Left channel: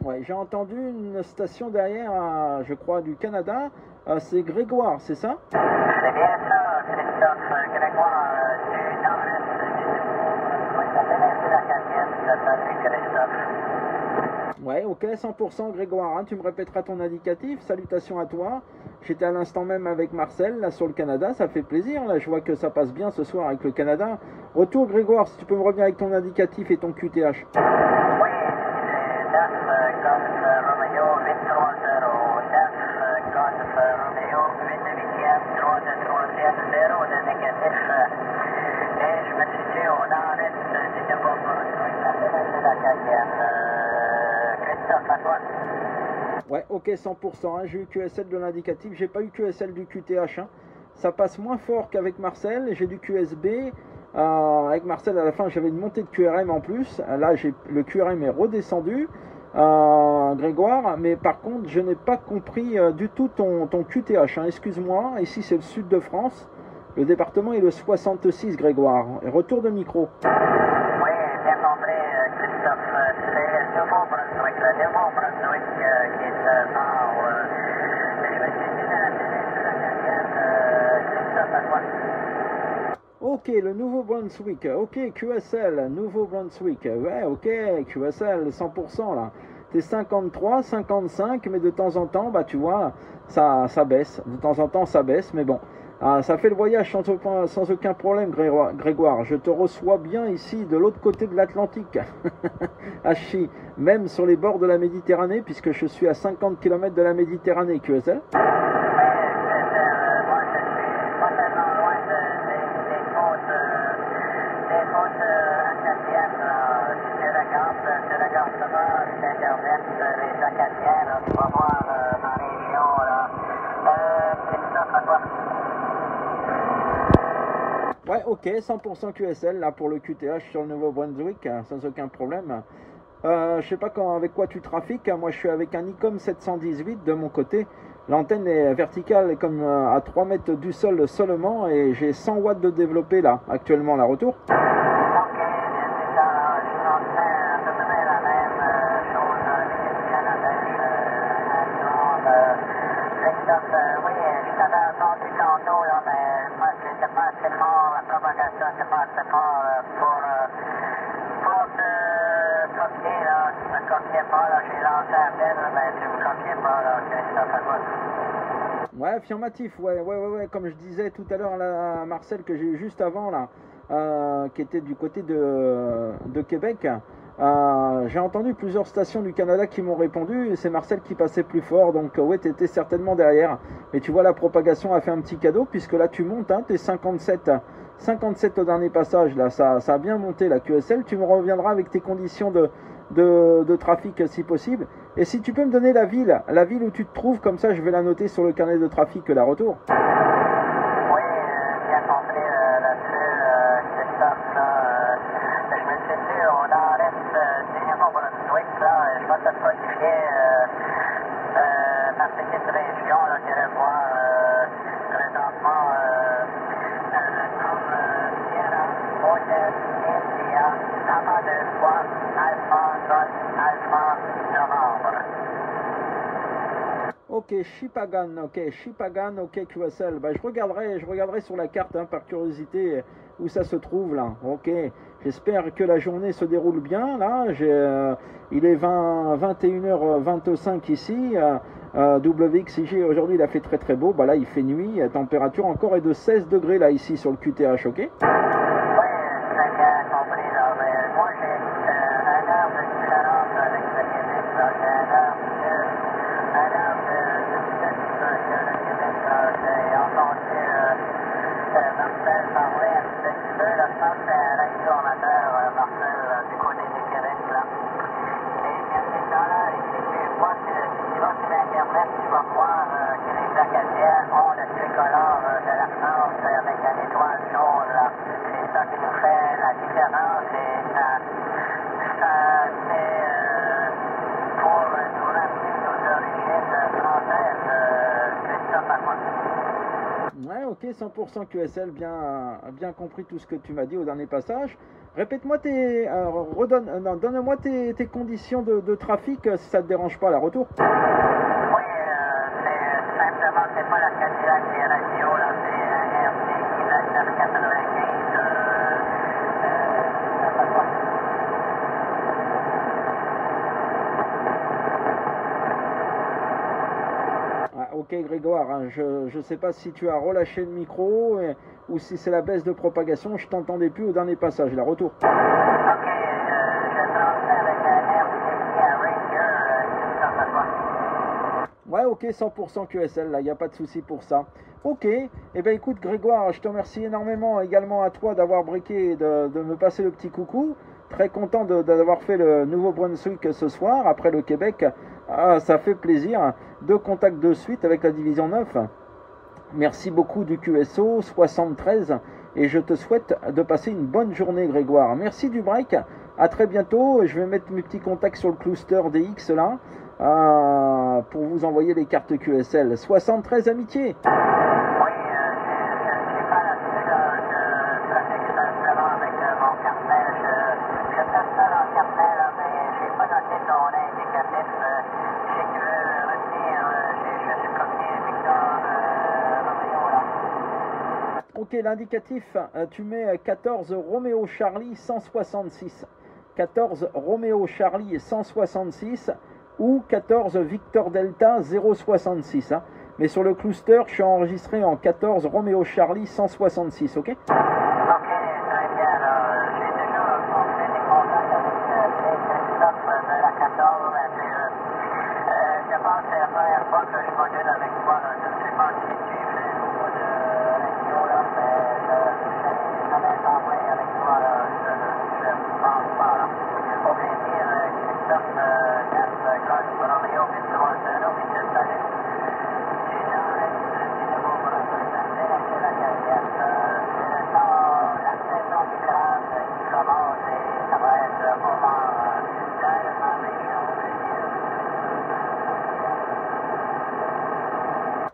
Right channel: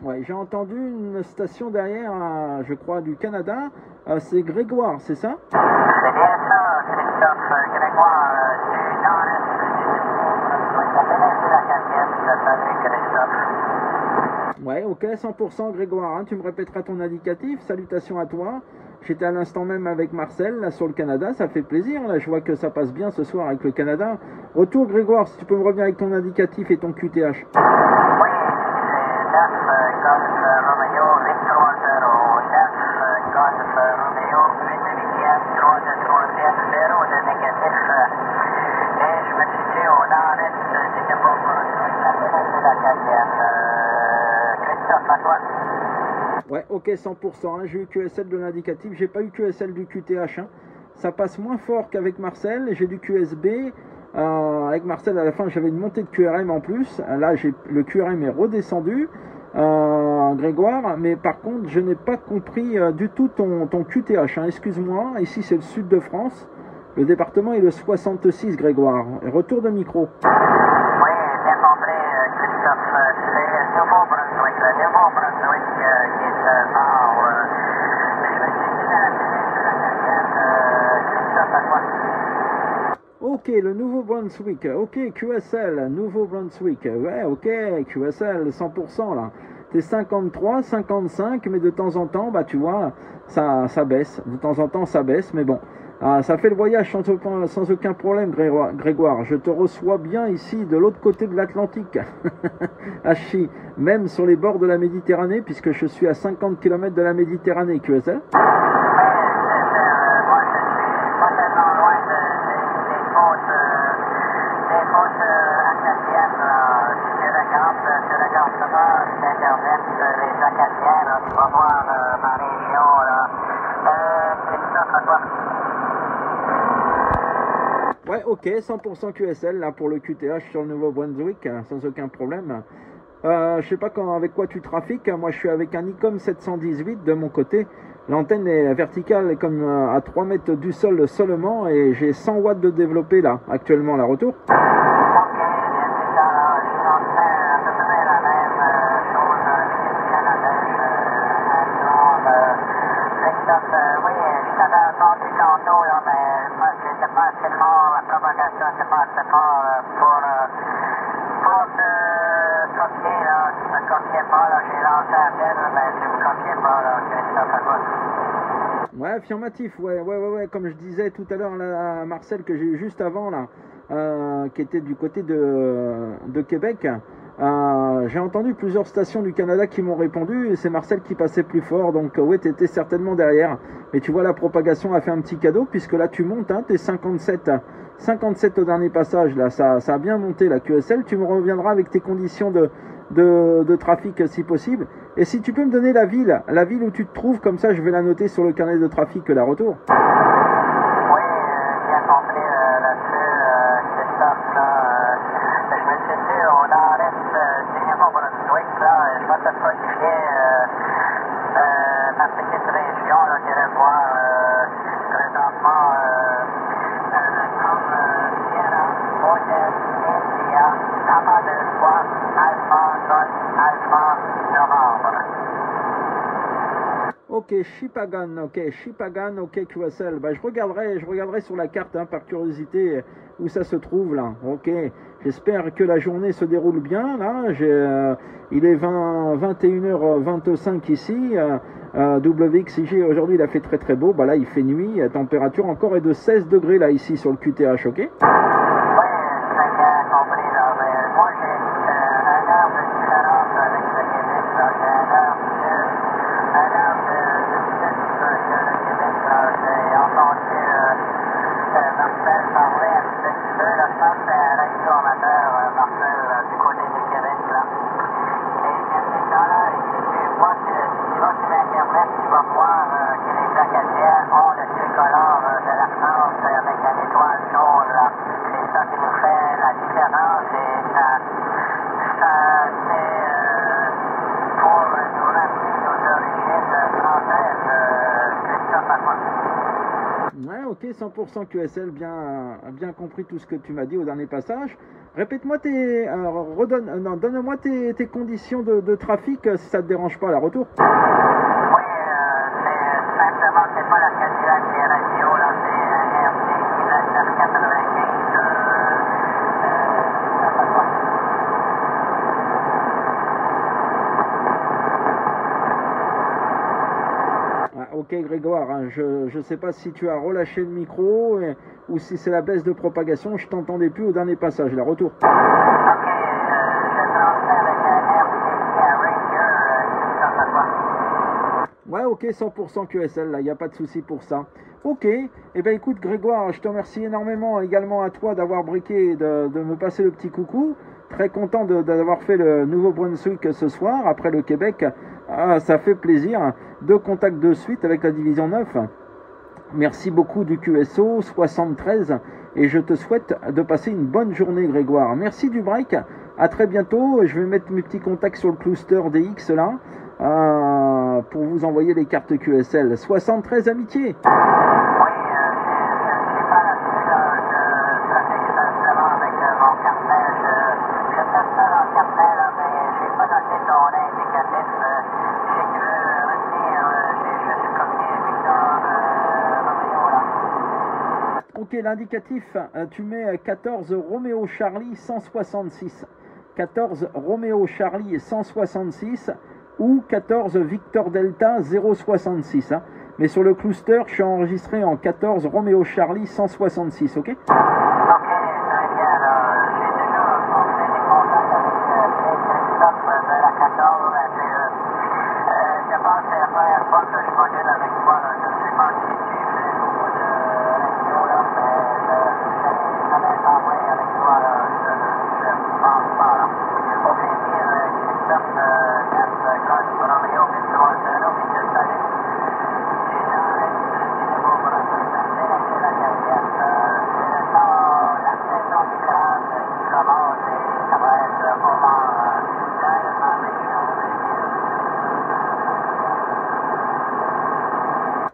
Ouais, j'ai entendu une station derrière, je crois, du Canada. C'est Grégoire, c'est ça? C'est bien ça, Christophe Grégoire, c'est dans l'Est de la quatrième, salut Christophe. Ouais, ok, 100% Grégoire, hein, tu me répéteras ton indicatif. Salutations à toi. J'étais à l'instant même avec Marcel, là, sur le Canada, ça fait plaisir. Là, je vois que ça passe bien ce soir avec le Canada. Retour Grégoire, si tu peux me revenir avec ton indicatif et ton QTH. Oui, c'est 9 Golf Romeo 830, 9 Golf Romeo 8 0 de négatif. Et je me situe au nord-est du Nouveau-Brunswick, de la quatrième. Christophe, à toi. Ouais, ok, 100%, hein, j'ai eu QSL de l'indicatif, j'ai pas eu QSL du QTH. Hein. Ça passe moins fort qu'avec Marcel, j'ai du QSB. Avec Marcel, à la fin, j'avais une montée de QRM en plus. Là, le QRM est redescendu, Grégoire. Mais par contre, je n'ai pas compris du tout ton QTH. Hein. Excuse-moi, ici c'est le sud de France. Le département est le 66, Grégoire. Retour de micro. Oui, bien compris, Christophe. C'est le Nouveau-Brunswick. Le Nouveau-Brunswick qui est mort. Je me situe dans la péninsule acadienne. Christophe, à toi. Ok, le Nouveau-Brunswick, ok, QSL, Nouveau-Brunswick, ouais, ok, QSL, 100% là. T'es 53, 55, mais de temps en temps, bah tu vois, ça baisse, de temps en temps ça baisse, mais bon, ça fait le voyage sans aucun problème, Grégoire. Je te reçois bien ici, de l'autre côté de l'Atlantique, à Chi, même sur les bords de la Méditerranée, puisque je suis à 50 km de la Méditerranée, QSL. Ouais, ok, 100% QSL là pour le QTH sur le Nouveau-Brunswick, sans aucun problème. Je sais pas avec quoi tu trafiques. Moi, je suis avec un Nikon 718 de mon côté. L'antenne est verticale, comme à 3 mètres du sol seulement, et j'ai 100 watts de développé là, actuellement, la retour. Ouais, affirmatif, ouais, comme je disais tout à l'heure à Marcel que j'ai eu juste avant là, qui était du côté de Québec. J'ai entendu plusieurs stations du Canada qui m'ont répondu et c'est Marcel qui passait plus fort, donc ouais, t'étais certainement derrière. Mais tu vois, la propagation a fait un petit cadeau puisque là tu montes, hein, t'es 57 au dernier passage, là ça a bien monté la QSL. Tu me reviendras avec tes conditions de trafic si possible. Et si tu peux me donner la ville où tu te trouves, comme ça je vais la noter sur le carnet de trafic la retour. Oui, bien compris là-dessus, Christophe. Je me situe au nord-est du Nouveau-Brunswick. Je vais te codifier ma petite région là, que je vois présentement comme Sierra, Hotel, India, Papa de Foix, Alpha, Golf, Alpha, Novembre. Ok, Shippagan, ok, QSL. Bah, je regarderai sur la carte, hein, par curiosité, où ça se trouve là. Ok, j'espère que la journée se déroule bien. Là, il est 21h25 ici. WXIG, aujourd'hui, il a fait très très beau. Bah là, il fait nuit. La température encore est de 16 degrés là, ici, sur le QTH, ok? Oui, très bien compris. Là. Mais moi, j'ai un heure de différence avec le Québec. Là. J'ai un heure de plus que le Québec. Là. J'ai entendu Marcel parler un petit peu. Là, je pense que c'est un radio-amateur, Marcel, du côté du Québec. Là. Et bien sûr, là, si tu vas sur Internet, tu vas voir que les Acadiens ont le tricolore de la France avec une étoile jaune. Là. C'est ça qui nous fait la différence et ça c'est pour nous ramener nos origines françaises. Christophe, à quoi? Ouais, ok, 100% QSL, bien compris tout ce que tu m'as dit au dernier passage. Répète-moi donne-moi tes conditions de trafic si ça te dérange pas, la retour. Oui, c'est simplement, c'est pas la Cadillac qui est radio, là, c'est un RC 995. Ok Grégoire, hein, je ne sais pas si tu as relâché le micro ou si c'est la baisse de propagation, je t'entendais plus au dernier passage, la retour. Ok, je transfère avec un RC Ranger qui Ouais, ok, 100% QSL, là, il n'y a pas de souci pour ça. Ok, eh bien écoute Grégoire, je te remercie énormément également à toi d'avoir briqué et de me passer le petit coucou. Très content d'avoir fait le Nouveau-Brunswick ce soir, après le Québec. Ah, ça fait plaisir. 2 contacts de suite avec la division 9. Merci beaucoup du QSO 73 et je te souhaite de passer une bonne journée Grégoire. Merci du break, à très bientôt. Je vais mettre mes petits contacts sur le cluster DX là pour vous envoyer les cartes QSL. 73 amitié. Ok, l'indicatif, tu mets 14 Roméo Charlie 166. 14 Roméo Charlie 166 ou 14 Victor Delta 066. Hein. Mais sur le cluster, je suis enregistré en 14 Roméo Charlie 166, ok?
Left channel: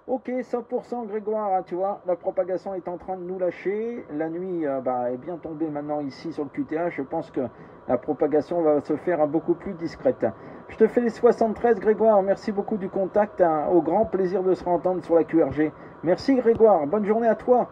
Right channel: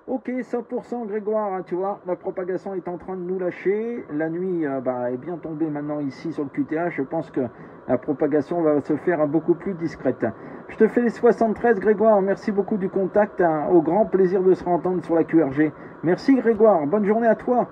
Ok, 100% Grégoire, hein, tu vois, la propagation est en train de nous lâcher. La nuit est bien tombée maintenant ici sur le QTH. Je pense que la propagation va se faire beaucoup plus discrète. Je te fais les 73 Grégoire, merci beaucoup du contact. Hein, au grand plaisir de se entendre sur la QRG. Merci Grégoire, bonne journée à toi.